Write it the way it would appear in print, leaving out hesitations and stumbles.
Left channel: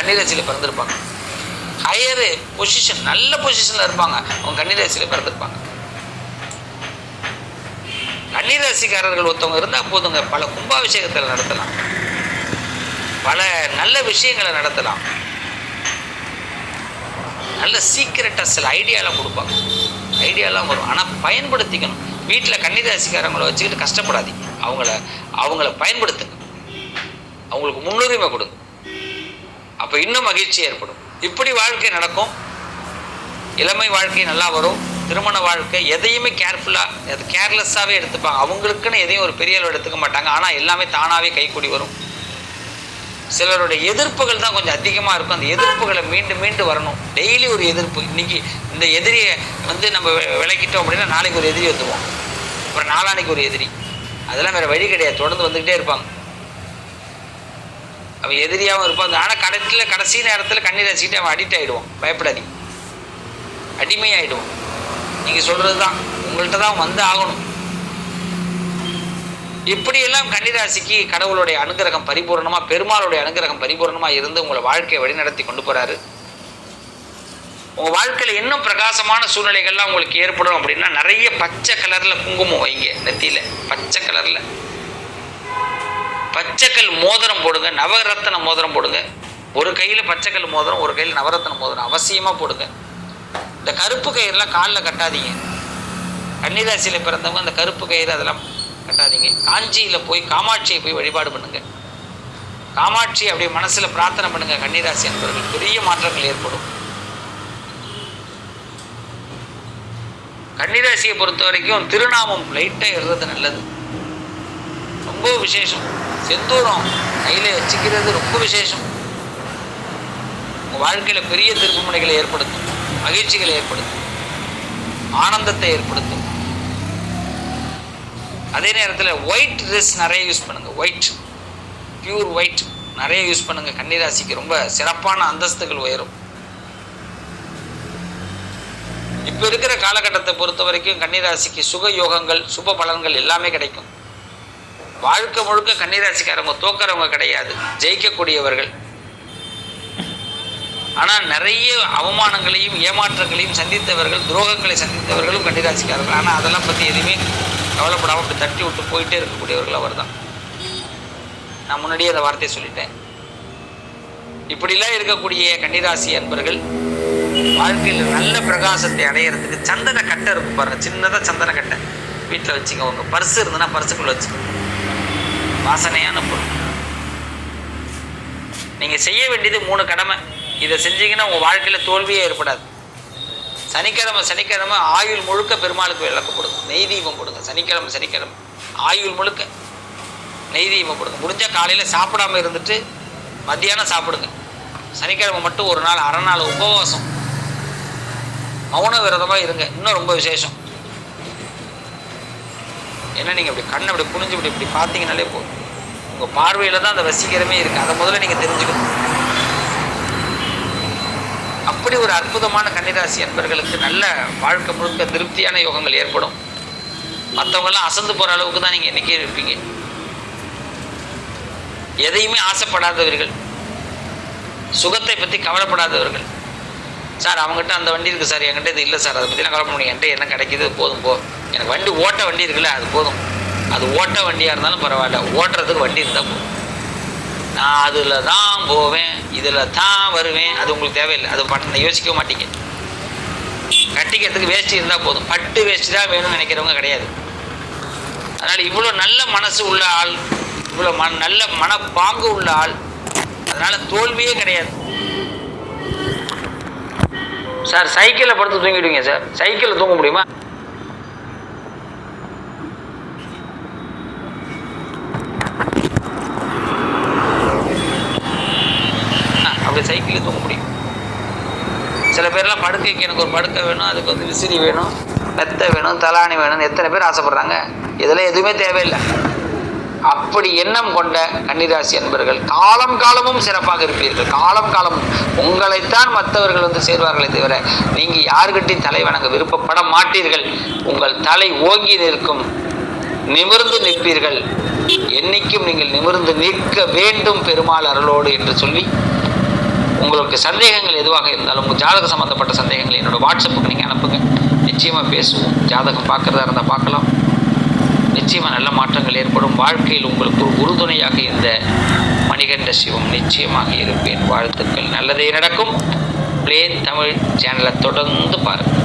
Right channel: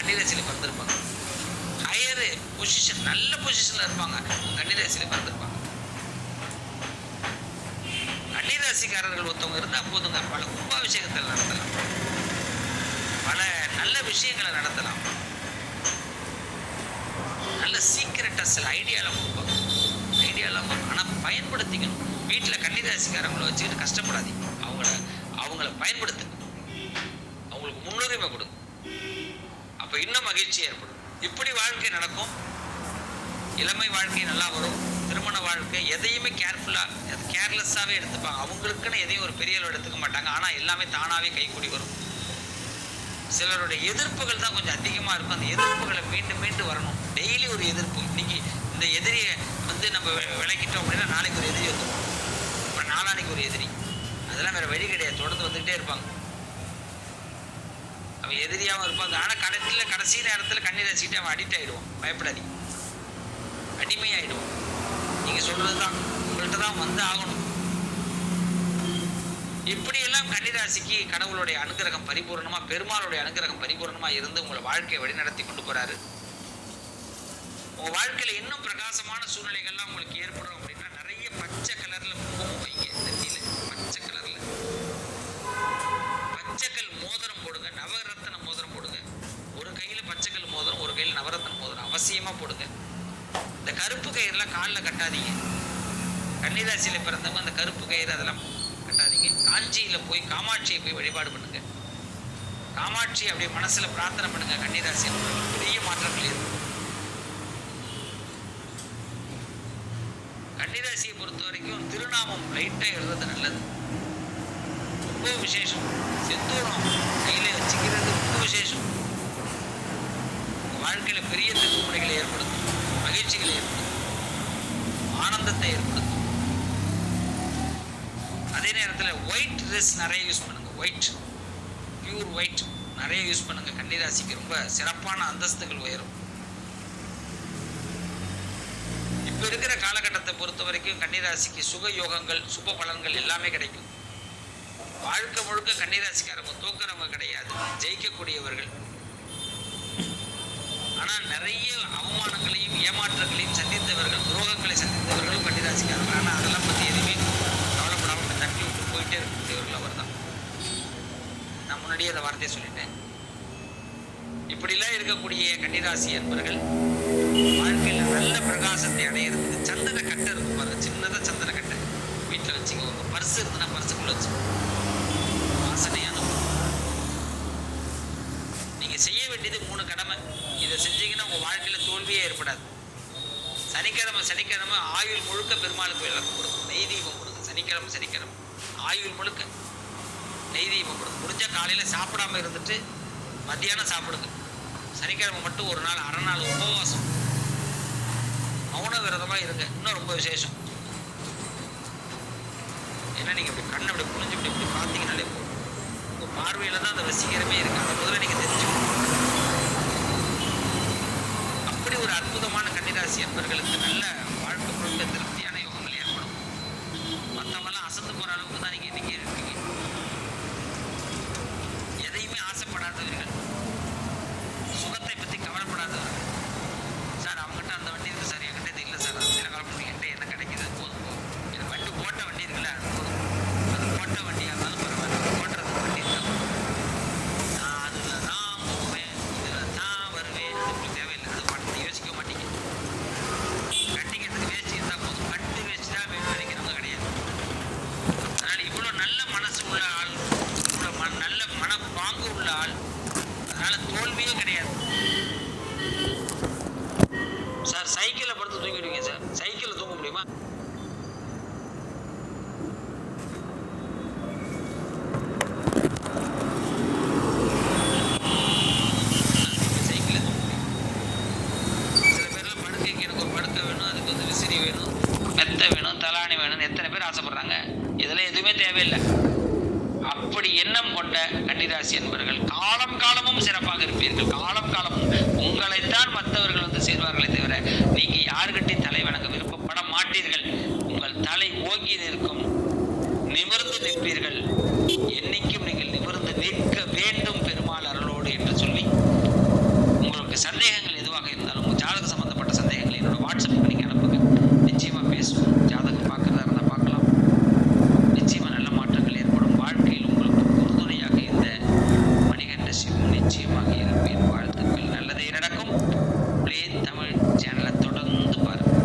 கன்னிராசியில் பிறந்திருப்பாங்க. Higher position, நல்ல பொசிஷனில் இருப்பாங்க, அவங்க கன்னிராசியில் பிறந்திருப்பாங்க. கன்னிராசிக்காரர்கள் ஒருத்தவங்க இருந்தால் போதுங்க, பல கும்பாபிஷேகத்தில் நடத்தலாம், பல நல்ல விஷயங்களை நடத்தலாம், நல்ல சீக்கிரட்டாக சில ஐடியாலாம் கொடுப்பாங்க, ஐடியாலாம் வரும். ஆனால் பயன்படுத்திக்கணும். வீட்டில் கன்னிராசிக்காரங்களை வச்சுக்கிட்டு கஷ்டப்படாதீங்க, அவங்கள பயன்படுத்துங்க, அவங்களுக்கு முன்னுரிமை கொடுங்க, அப்போ இன்னும் மகிழ்ச்சி ஏற்படும். இப்படி வாழ்க்கை நடக்கும். இளமை வாழ்க்கை நல்லா வரும். திருமண வாழ்க்கை எதையுமே கேர்ஃபுல்லாக, அது கேர்லெஸ்ஸாகவே எடுத்துப்பாங்க. அவங்களுக்குன்னு எதையும் ஒரு பெரிய அளவு எடுத்துக்க மாட்டாங்க. ஆனால் எல்லாமே தானாகவே கைக்கூடி வரும். சிலருடைய எதிர்ப்புகள் தான் கொஞ்சம் அதிகமாக இருக்கும். அந்த எதிர்ப்புகளை மீண்டும் மீண்டும் வரணும். டெய்லி ஒரு எதிர்ப்பு. இன்றைக்கி இந்த எதிரியை நம்ம விளக்கிட்டோம் அப்படின்னா நாளைக்கு ஒரு எதிரி வந்துடுவோம், அப்புறம் நாளானைக்கு ஒரு எதிரி. அதெல்லாம் வேறு வழி கிடையாது, தொடர்ந்து வந்துக்கிட்டே இருப்பாங்க. அவன் எதிரியாகவும் இருப்பான். ஆனால் கடைசி நேரத்தில் கன்னிராசிக்கிட்டு அவன் அடிக்ட் ஆகிடுவான். பயப்படாதீங்க, அடிமையாகிடுவான். நீங்கள் சொல்கிறது தான், உங்கள்கிட்ட தான் வந்து ஆகணும். இப்படியெல்லாம் கன்னிராசிக்கு கடவுளுடைய அனுகிரகம் பரிபூர்ணமாக, பெருமாளுடைய அனுகிரகம் பரிபூர்ணமாக இருந்து உங்களை வாழ்க்கையை வழிநடத்தி கொண்டு போகிறாரு. உங்கள் வாழ்க்கையில் இன்னும் பிரகாசமான சூழ்நிலைகள்லாம் உங்களுக்கு ஏற்படும். அப்படின்னா நிறைய பச்சை கலரில் குங்குமம் வைங்க நெத்தியில், பச்சை கலரில் பச்சைக்கல் மோதிரம் போடுங்க, நவரத்தன மோதிரம் போடுங்க. ஒரு கையில் பச்சைக்கல் மோதிரம், ஒரு கையில் நவரத்தன மோதிரம் அவசியமாக போடுங்க. இந்த கருப்பு கயிறுலாம் காலில் கட்டாதீங்க. கன்னிராசியில் பிறந்தவங்க அந்த கருப்பு கயிறு அதெல்லாம் கட்டாதீங்க. காஞ்சியில் போய் காமாட்சியை போய் வழிபாடு பண்ணுங்க. காமாட்சி அப்படியே மனசில் பிரார்த்தனை பண்ணுங்க. கன்னிராசி என்பவர்கள் பெரிய மாற்றங்கள் ஏற்படும். கன்னிராசியை பொறுத்த வரைக்கும் திருநாமம் லைட்டாக எழுறது நல்லது, ரொம்ப விசேஷம். செந்தூரம் கையில் வச்சுக்கிறது ரொம்ப விசேஷம். உங்கள் வாழ்க்கையில் பெரிய திருப்புமுனைகளை ஏற்படுத்தும், மகிழ்ச்சிகளை ஏற்படுத்தும், ஆனந்தத்தை ஏற்படுத்தும். அதே நேரத்தில் ஒயிட் ட்ரெஸ் நிறைய யூஸ் பண்ணுங்கள். ஒயிட், பியூர் ஒயிட் நிறைய யூஸ் பண்ணுங்கள். கன்னிராசிக்கு ரொம்ப சிறப்பான அந்தஸ்துகள் உயரும். இப்போ இருக்கிற காலகட்டத்தை பொறுத்த வரைக்கும் கன்னிராசிக்கு சுக யோகங்கள், சுப பலன்கள் எல்லாமே கிடைக்கும். வாழ்க்கை முழுக்க கன்னிராசிக்காரவங்க தோக்கிறவங்க கிடையாது, ஜெயிக்கக்கூடியவர்கள். ஆனால் நிறைய அவமானங்களையும் ஏமாற்றங்களையும் சந்தித்தவர்கள், துரோகங்களை சந்தித்தவர்களும் கன்னிராசிக்காரர்கள். ஆனால் அதெல்லாம் பற்றி எதுவுமே கவலைப்படாமல் அப்படி தட்டி விட்டு போயிட்டே இருக்கக்கூடியவர்கள் அவர் தான். நான் முன்னாடியே அந்த வார்த்தையை சொல்லிட்டேன். இப்படிலாம் இருக்கக்கூடிய கன்னிராசி அன்பர்கள் வாழ்க்கையில் நல்ல பிரகாசத்தை அடையிறதுக்கு சந்தன கட்டை இருக்கும் பாருங்கள், சின்னதாக சந்தன கட்டை வீட்டில் வச்சுக்கோங்க. உங்கள் பர்ஸு இருந்ததுன்னா பர்ஸுக்குள்ளே வச்சு, வாசனையான பொருள். நீங்கள் செய்ய வேண்டியது 3 கடமை. இதை செஞ்சீங்கன்னா உங்கள் வாழ்க்கையில் தோல்வியே ஏற்படாது. சனிக்கிழமை ஆயுள் முழுக்க பெருமாளுக்கு விளக்கு போடுங்க, நெய் தீபம் போடுங்க. சனிக்கிழமை ஆயுள் முழுக்க நெய் தீபம் போடுங்க. முடிஞ்சால் காலையில் சாப்பிடாம இருந்துட்டு மத்தியானம் சாப்பிடுங்க. சனிக்கிழமை மட்டும் ஒரு நாள் அரை நாள் உபவாசம், மௌன விரதமாக இருங்க. இன்னும் ரொம்ப விசேஷம். ஏன்னா நீங்கள் அப்படி கண்ணை அப்படி குனிஞ்சு இப்படி பார்த்தீங்கன்னாலே போதும், உங்கள் பார்வையில் தான் அந்த வசீகரமே இருக்குது. அதை முதல்ல நீங்கள் தெரிஞ்சுக்கணும். அப்படி ஒரு அற்புதமான கன்னிராசி என்பவர்களுக்கு நல்ல வாழ்க்கை முழுக்க திருப்தியான யோகங்கள் ஏற்படும். மற்றவங்கெல்லாம் அசந்து போகிற அளவுக்கு தான் நீங்கள் இன்றைக்கே இருப்பீங்க. எதையுமே ஆசைப்படாதவர்கள், சுகத்தை பற்றி கவலைப்படாதவர்கள். சார் அவங்ககிட்ட அந்த வண்டி இருக்குது சார், என்கிட்ட இது இல்லை சார், அதை பற்றிலாம் கவலைப்பட முடியும், என்கிட்ட என்ன கிடைக்கிது போதும், எனக்கு வண்டி ஓட்ட வண்டி இருக்குல்ல அது போதும். அது ஓட்ட வண்டியாக இருந்தாலும் பரவாயில்ல, ஓட்டுறதுக்கு வண்டி இருந்தால் போதும். நான் அதில் தான் போவேன், இதில் தான் வருவேன், அது உங்களுக்கு தேவையில்லை. அது பட்டு யோசிக்க மாட்டீங்க. கட்டிக்கிறதுக்கு வேஷ்டி இருந்தால் போதும், பட்டு வேஷ்டி தான் வேணும்னு நினைக்கிறவங்க கிடையாது. அதனால் இவ்வளோ நல்ல மனசு உள்ள ஆள், இவ்வளோ நல்ல மனப்பாங்கு உள்ள ஆள், அதனால் தோல்வியே கிடையாது. சார் சைக்கிளில் படுத்து தூங்கிடுவீங்க சார், சைக்கிளில் தூங்க முடியுமா? அப்படி சைக்கிளில் தூங்க முடியும். சில பேர்லாம் படுக்கைக்கு எனக்கு ஒரு படுக்கை வேணும், அதுக்கு விசிறி வேணும், மெத்தை வேணும், தலாணி வேணும்னு எத்தனை பேர் ஆசைப்படுறாங்க. இதெல்லாம் எதுவுமே தேவையில்லை. அப்படி எண்ணம் கொண்ட கன்னிராசி அன்பர்கள் காலம் காலமும் சிறப்பாக இருப்பீர்கள். காலம் காலமும் உங்களைத்தான் மற்றவர்கள் சேர்வார்களே தவிர நீங்கள் யாருக்கிட்டையும் தலை வணங்க விருப்பப்பட மாட்டீர்கள். உங்கள் தலை ஓங்கி நிற்கும், நிமிர்ந்து நிற்பீர்கள். என்னைக்கும் நீங்கள் நிமிர்ந்து நிற்க வேண்டும் பெருமாள் அருளோடு என்று சொல்லி உங்களுக்கு சந்தேகங்கள் எதுவாக இருந்தாலும் உங்கள் ஜாதக சம்மந்தப்பட்ட சந்தேகங்கள் என்னோட வாட்ஸ்அப்புக்கு நீங்கள் அனுப்புங்க. நிச்சயமாக பேசுவோம். ஜாதகம் பார்க்குறதா இருந்தால் பார்க்கலாம். நிச்சயமாக நல்ல மாற்றங்கள் ஏற்படும். வாழ்க்கையில் உங்களுக்கு ஒரு உறுதுணையாக இந்த மணிகண்ட சிவம் நிச்சயமாக இருப்பேன். வாழ்த்துக்கள். நல்லதே நடக்கும். ப்ளே தமிழ் சேனலை தொடர்ந்து பாருங்கள்.